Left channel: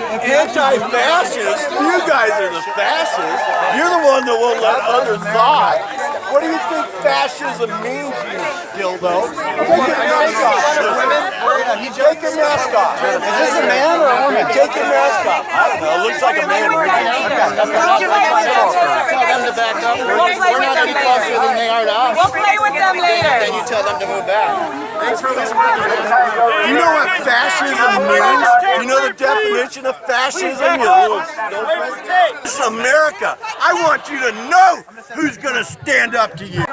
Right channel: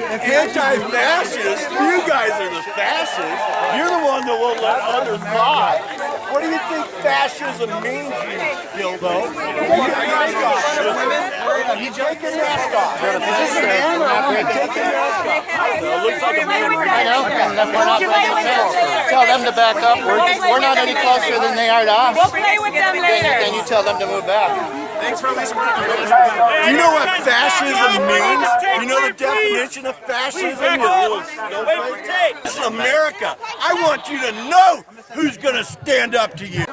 Anti-fascists? You guys are the fascists. You're the one that won't let others lie. What do you think fascism means, you dildo? Take your mask off. Take your mask off. Is this a man or a woman? Take your mask off. It looks like a man. We'll play with them later. Then you tell them to move back. Do you know what fascism means? You know the definition of fascism? You little snowflake? This is America. I want you to know who's going to stand up to you.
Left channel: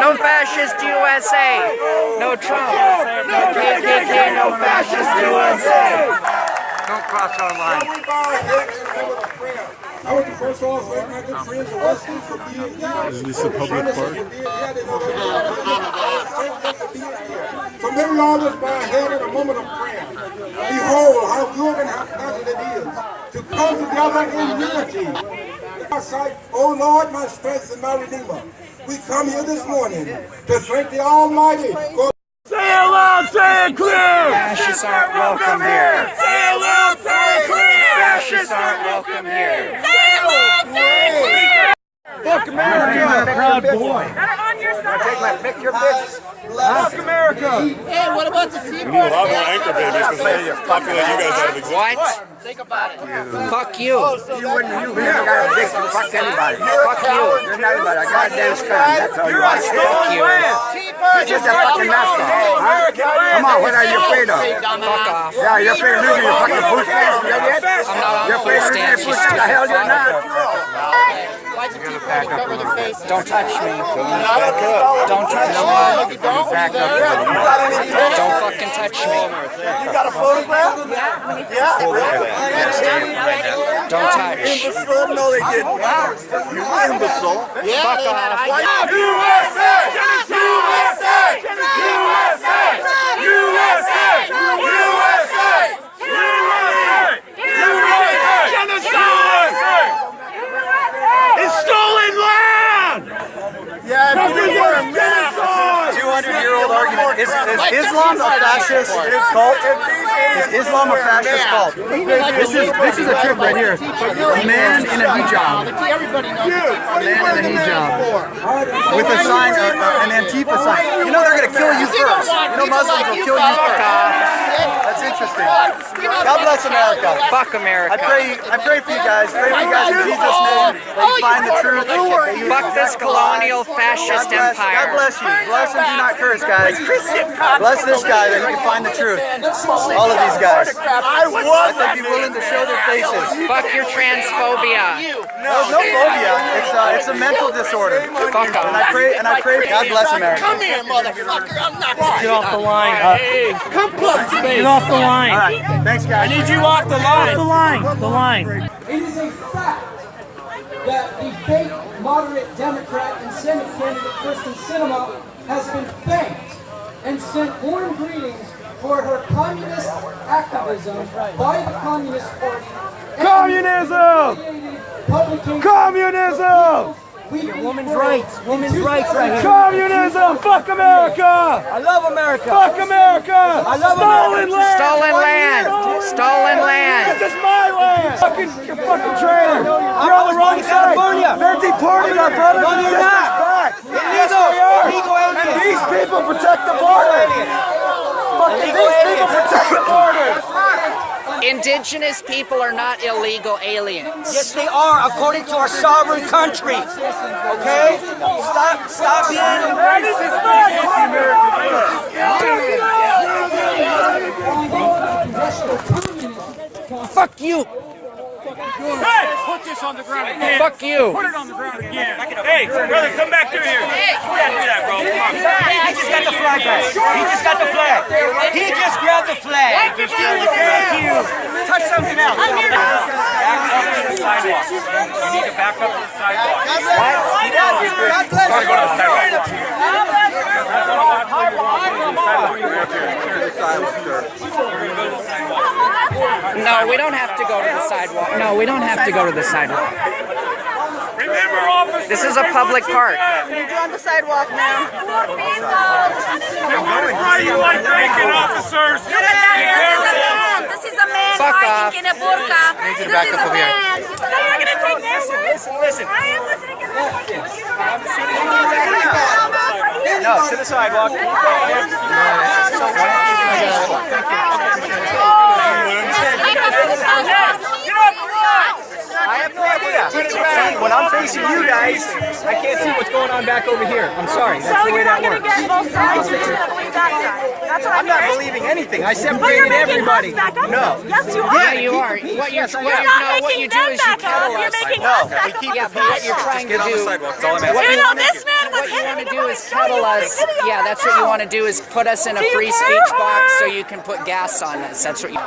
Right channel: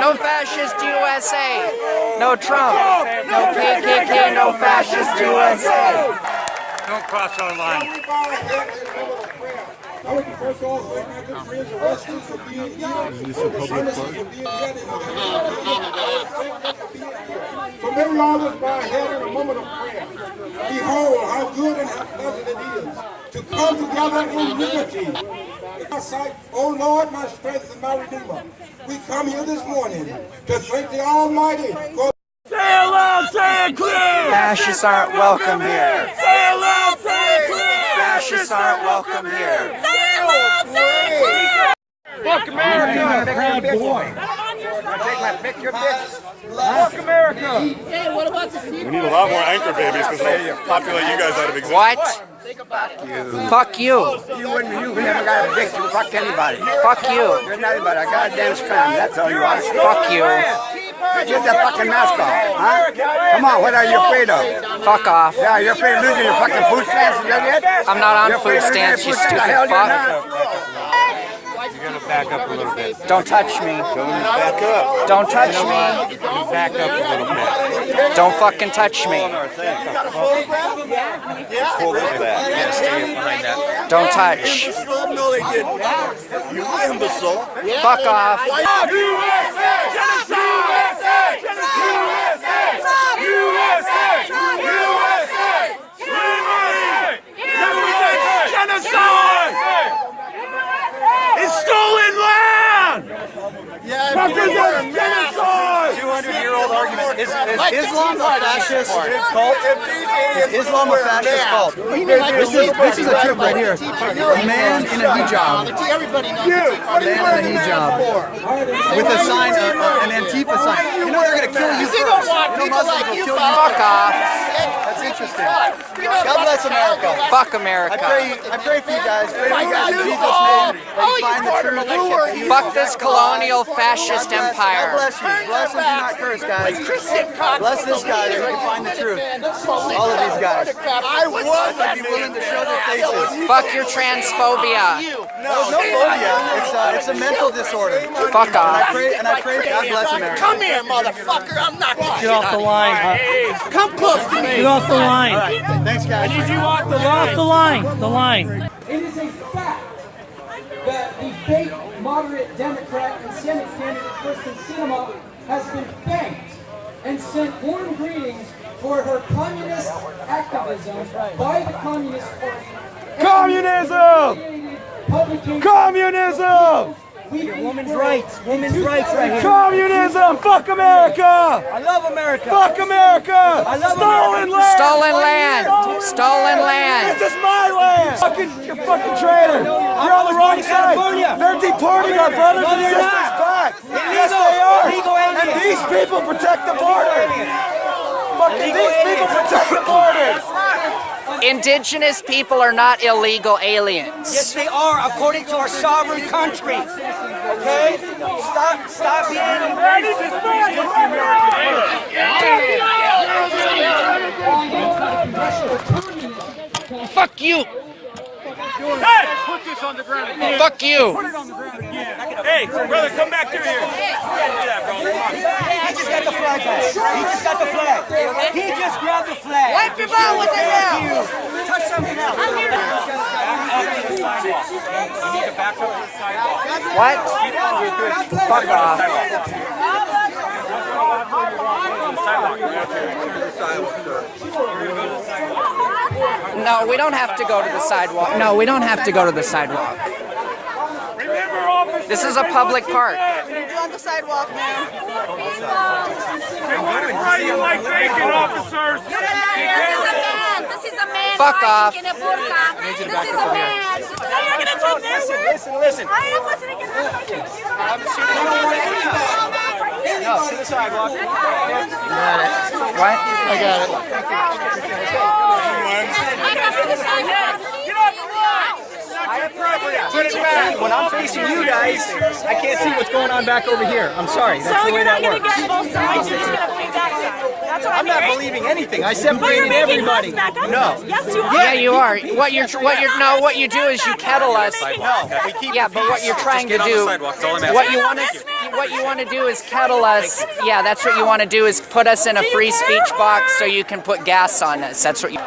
No fascist USA. No Trump. No KKK. No fascist USA. Don't cross our line. I want to first off thank my good friends arrested for being here. Is this a public park? So let me all just bow our head in a moment of prayer. Behold, how good and how pleasant it is to come together in unity. Our sight, oh Lord, my strength and my redeemer. We come here this morning to thank the Almighty. Say it loud, say it clear! Fascists aren't welcome here. Say it loud, say it clear! Fascists aren't welcome here. Say it loud, say it clear. Fuck America! I'm a proud boy. Pick your bitch. Fuck America! We need a lot more anchor babies because they're popular. You guys out of existence. What? Fuck you. You never got a dick to fuck anybody. Fuck you. You're not anybody. I got a damn scum. That's all you are. Fuck you. Just a fucking mask off. Huh? Come on, what are you afraid of? Fuck off. Yeah, you're afraid of losing your fucking food stamps. You know that? I'm not on food stamps, you stupid Hell, you're fuck. not. You're going to back up a little bit. Don't touch me. Don't touch me. Back up a little bit. Don't fucking touch me. You got a photograph? Yeah. Don't touch. Imbecile? No, they didn't. You imbecile. Fuck off. USA! USA! USA! USA! It's stolen land! Yeah, if you didn't wear a mask, 200-year-old argument. Is Islam a fascist cult? Is Islam a fascist cult? This is a tip right here. A man in a hijab. A man in a hijab. With a sign, an Antifa sign. You know they're going to kill you first. You know Muslims will kill you Fuck first. off. That's interesting. God bless America. Fuck America. I pray for you guys. Pray for you guys in Jesus' name that you find the truth. That you Fuck this reject the lies. colonial fascist God empire. bless you. Bless and do not curse, guys. Bless this guy that he can find the truth. All of these guys. I was They'd be willing to show their faces. Fuck your transphobia. There's no phobia. It's a mental disorder. Fuck And I off. pray God bless America. Come here, motherfucker. I'm not going. Get off the line. Come close to me. Get off the line. All right. Thanks, guys. I need you off the line. Off the line. The line. It is a fact that the fake moderate Democrat and Senate candidate Kristen Sinema has been thanked and sent warm greetings for her communist activism by the Communist Party. Communism! Communism! Women's rights right here. Communism! Fuck America! I love America. Fuck America! I love America. Stolen land. Stolen land. This is my land! You're fucking traitor! I was born in California. They're deporting our brothers No, and they're sisters not. back. Illegal aliens. And these people protect the border! Fucking these people protect the border! Indigenous people are not illegal aliens. Yes, they are, according to our sovereign country. Okay? Stop being racist. Fuck you. Hey, put this on the ground again. Fuck you. Put it on the ground again. Hey, brother, come back through here. You can't do that, bro. Come on. He just got the flag back. He just got the flag. He just grabbed the flag. Thank you. Touch something else. Back up to the sidewalk. You need to back up to the sidewalk. What? Talk about the sidewalk. No, we don't have to go to the sidewalk. No, we don't have to go to the sidewalk. Remember, officer! This is a public park. You're on the sidewalk now. This is a man hiding in a burqa. This is a man. You're going to take their words? Listen. I am listening to No, to the sidewalk. When I'm facing you guys, I can't see what's going on back over here. I'm sorry. That's the way that works. Get both sides. You're just going to believe that side. That's what I'm not believing anything. I said Well, you're believing making everybody. us back up. No. Yes, you are. Yeah, you are. What you do is you kettle us. No. We keep Yeah, but what you're trying to do, what you want to do is kettle us. Yeah, that's what you want to do is put us in a free speech box so you can put gas on us. That's what you.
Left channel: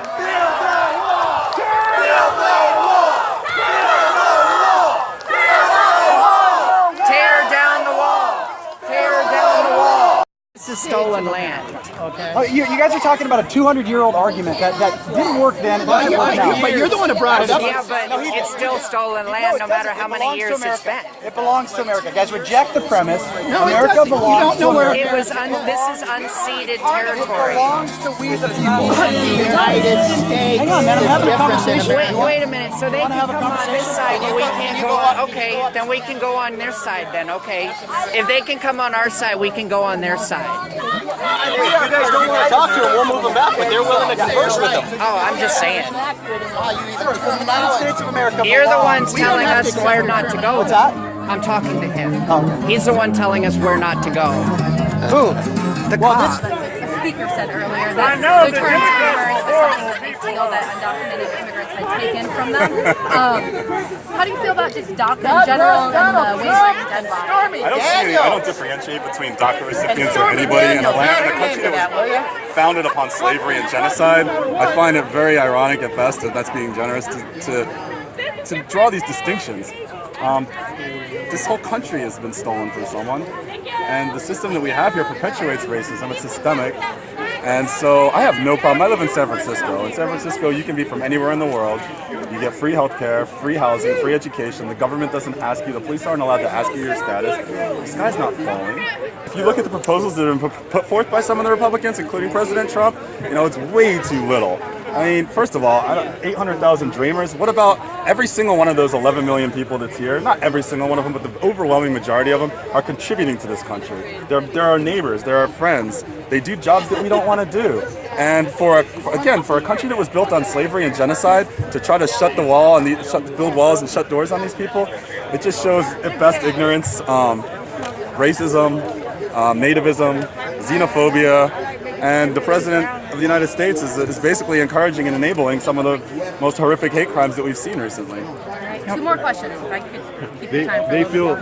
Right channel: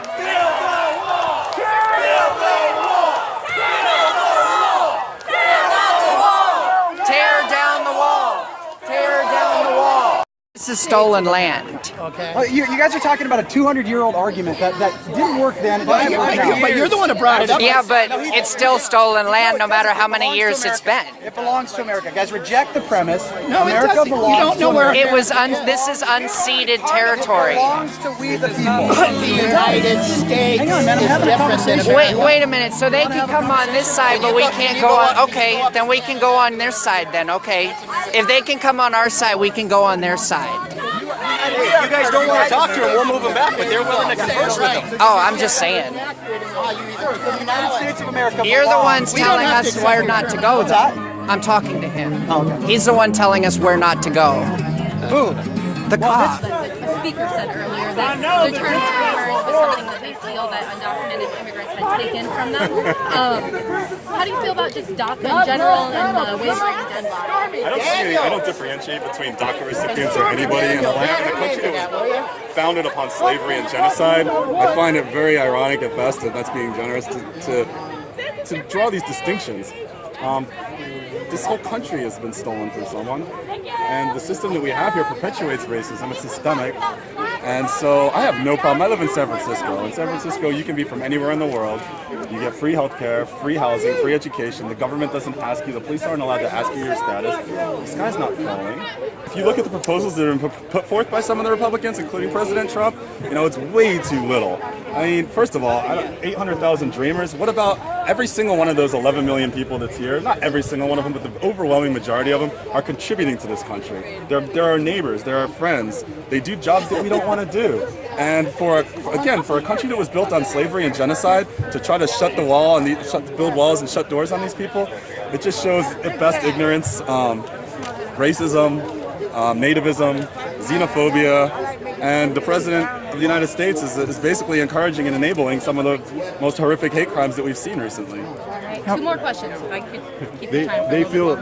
Tear down the wall. Tear down the wall. This is stolen land. Okay. You guys are talking about a 200-year-old argument that didn't work then. It doesn't work now. But you're the one that brought it up. Yeah, but it's still stolen land no matter how many years it's been. It belongs to America. Guys, reject the premise. America belongs to America. It was this is unceded territory. It belongs to we the people. Hang on, man. I'm having a conversation. Wait a minute. So they can come on this side, but we can't go on. Okay, then we can go on their side. Then okay, if they can come on our side, we can go on their side. If you guys don't want to talk to them, we'll move them back, but they're willing to converse with them. Oh, I'm just saying. The United States of America. You're the ones telling us where not to go. What's that? I'm talking to him. Oh. He's the one telling us where not to go. Who? The cop. The speaker said earlier that the term terrorist was something that they feel that undocumented immigrants had taken from them. How do you feel about just DACA in general and the wavering gun law? I don't differentiate between DACA recipients or anybody in a country that was founded upon slavery and genocide. I find it very ironic at best, that that's being generous, to draw these distinctions. This whole country has been stolen from someone, and the system that we have here perpetuates racism. It's systemic, and so I have no problem. I live in San Francisco. In San Francisco, you can be from anywhere in the world. You get free healthcare, free housing, free education. The government doesn't ask you. The police aren't allowed to ask you your status. The sky's not falling. If you look at the proposals that have been put forth by some of the Republicans, including President Trump, it's way too little. I mean, first of all, 800,000 dreamers. What about every single one of those 11 million people that's here? Not every single one of them, but the overwhelming majority of them are contributing to this country. They're our neighbors. They're our friends. They do jobs that we don't want to do. And for a country that was built on slavery and genocide, to try to shut the wall and build walls and shut doors on these people, it just shows at best ignorance, racism, nativism, xenophobia. And the President of the United States is basically encouraging and enabling some of the most horrific hate crimes that we've seen recently. Two more questions, if I could keep the time.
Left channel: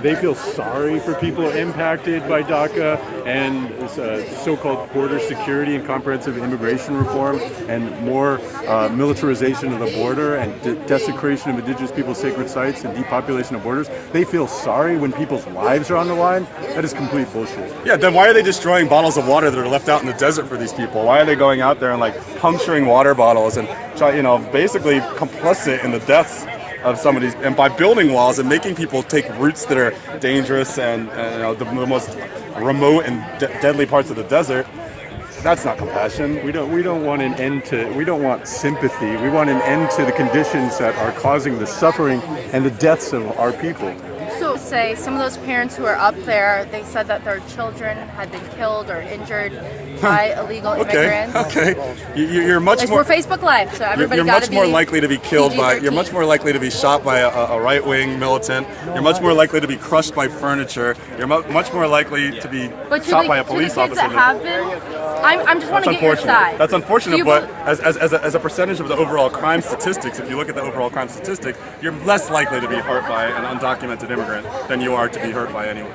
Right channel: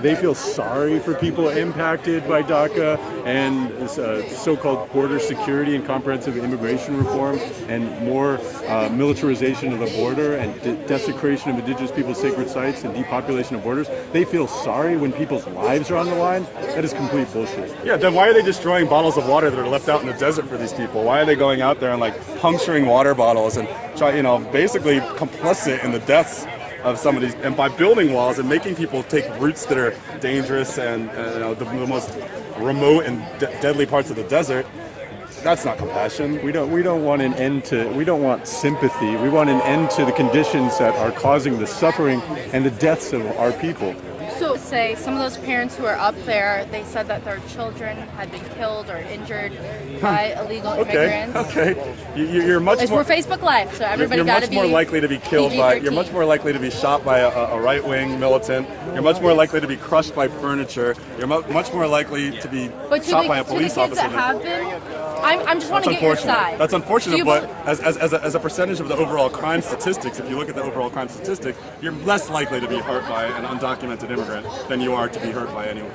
They feel sorry for people impacted by DACA and so-called border security and comprehensive immigration reform and more militarization of the border and desecration of indigenous people's sacred sites and depopulation of borders. They feel sorry when people's lives are on the line. That is complete bullshit. Yeah, then why are they destroying bottles of water that are left out in the desert for these people? Why are they going out there and puncturing water bottles and basically complicit in the deaths of some of these, and by building walls and making people take routes that are dangerous and the most remote and deadly parts of the desert? That's not compassion. We don't want an end to. We don't want sympathy. We want an end to the conditions that are causing the suffering and the deaths of our people. So say some of those parents who are up there, they said that their children had been killed or injured by illegal immigrants. Okay. You're much more. We're Facebook Live, so everybody got to be. You're much more likely to be killed by. PG-13. You're much more likely to be shot by a right-wing militant. You're much more likely to be crushed by furniture. You're much more likely to be shot by a police officer. That have been, I'm just want to get your side. That's unfortunate, but as a percentage of the overall crime statistics, if you look at the overall crime statistic, you're less likely to be hurt by an undocumented immigrant than you are to be hurt by anyone.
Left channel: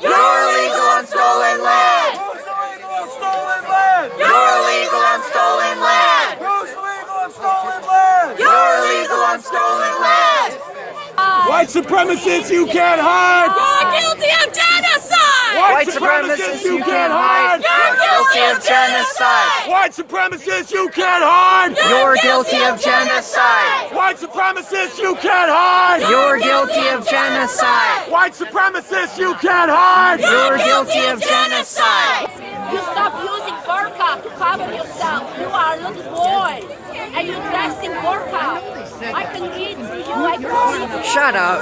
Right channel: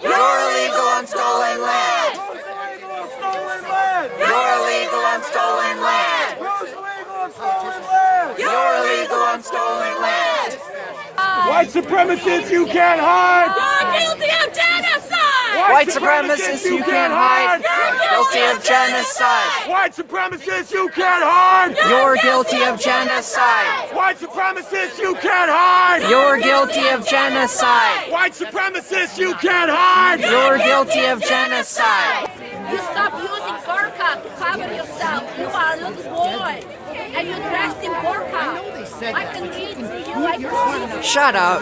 You're illegal on stolen land. You're illegal on stolen land. You're illegal on stolen land. White supremacists, you can't hide. You're guilty of genocide. White supremacists, you can't hide. You're guilty of genocide. White supremacists, you can't hide. You're guilty of genocide. White supremacists, you can't hide. You're guilty of genocide. White supremacists, you can't hide. You're guilty of genocide. You stop using burqa to cover yourself. You are a little boy, and you dressed in burqa. I can read through you. I can see. Shut up.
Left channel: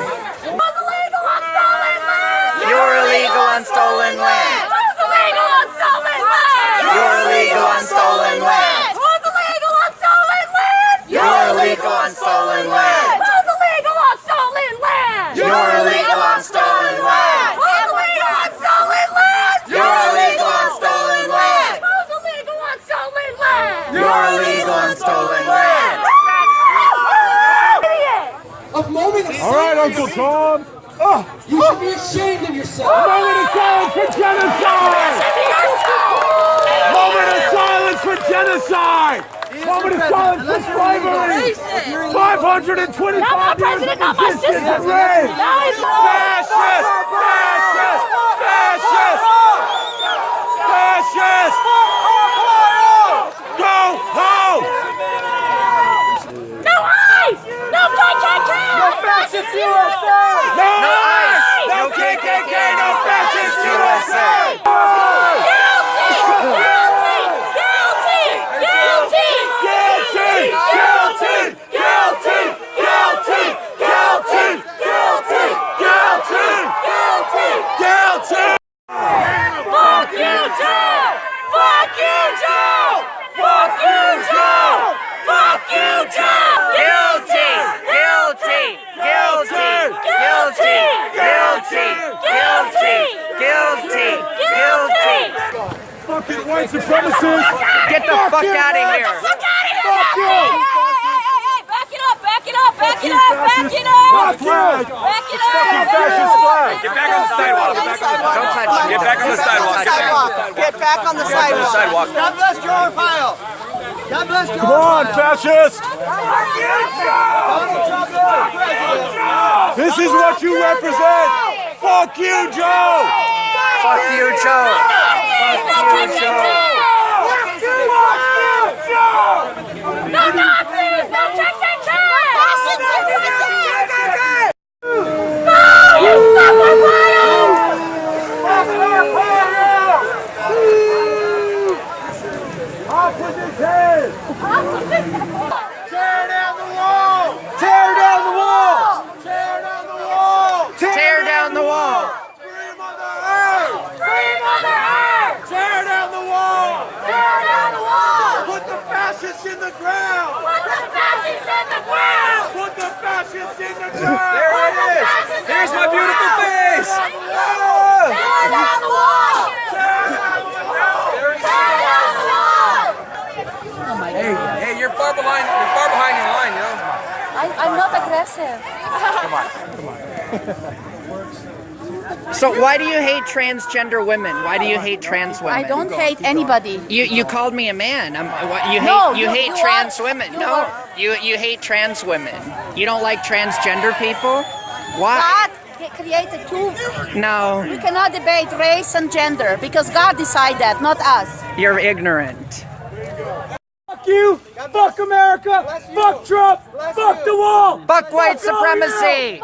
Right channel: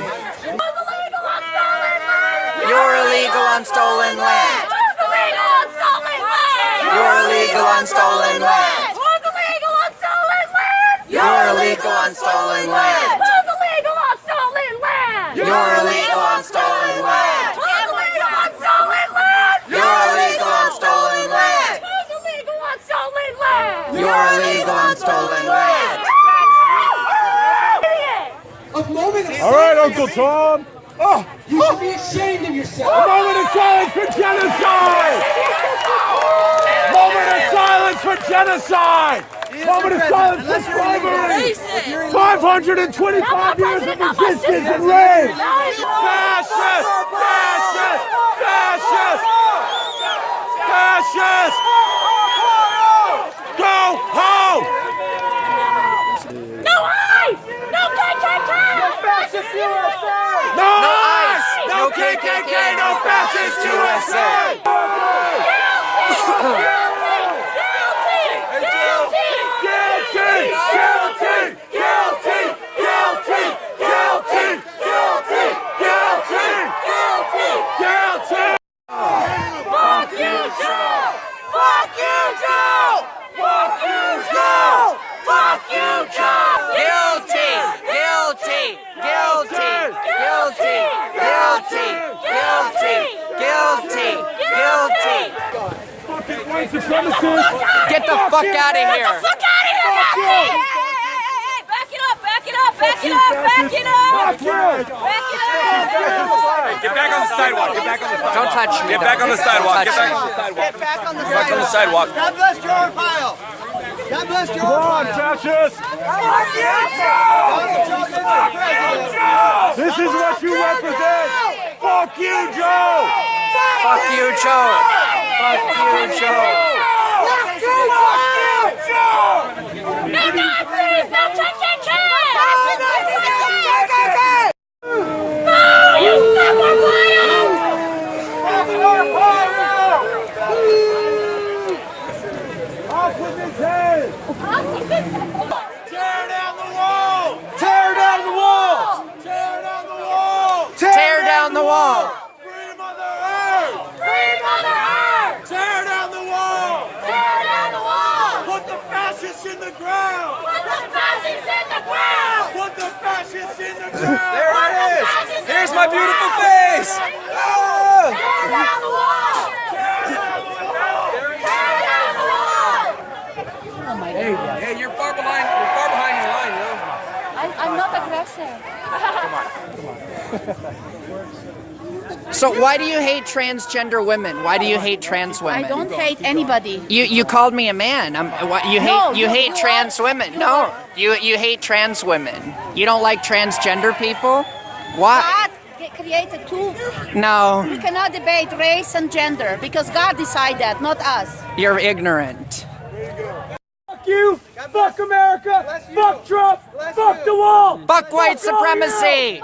You're illegal on stolen land. You're illegal on stolen land. You're illegal on stolen land. You're illegal on stolen land. You're illegal on stolen land. You're illegal on stolen land. A moment of All right, Uncle Tom. You should be ashamed of yourself. A moment of silence for genocide. Moment of silence for genocide. Moment of silence for slavery. 525 years of resistance and rage. Fascist! Fascist! Fascist! Fascist! Go home! No ICE! No KKK! No fascist USA! No ICE! No KKK! No fascist USA! Get the fuck out of here. Back it up, back it up, back it up, back it up! Back it up! Get back on the sidewalk. Don't touch me. Get back on the sidewalk. Get back on the sidewalk. Sidewalk. God bless Joe Arpaio. God bless Joe Come on, Arpaio. fascists! Donald Trump is the president. This is what you represent! Fuck you, Joe! Fuck you, Joe. Fuck you, Joe! No Nazis! No KKK! No, you fucking liar! Off with his head! Tear down the wall! Tear down the wall! Tear down the wall! Tear down the wall. Free Mother Earth! Free Mother Earth! Tear down the wall! Tear down the wall! Put the fascists in the ground! Put the fascists in the ground! Put the fascists in the ground! There it is. Here's my beautiful face. Tear down the wall! Tear down the wall! Tear down the wall! Hey, you're far behind in the line, you know? I'm not aggressive. So why do you hate transgender women? Why do you hate trans women? I don't hate anybody. You called me a man. You hate trans women. No, you hate trans women. You don't like transgender people? Why? God created two. No, We cannot debate race and gender because God decided that, not us. you're ignorant. Fuck you! Fuck America! Fuck Trump! Fuck the wall! Fuck white supremacy!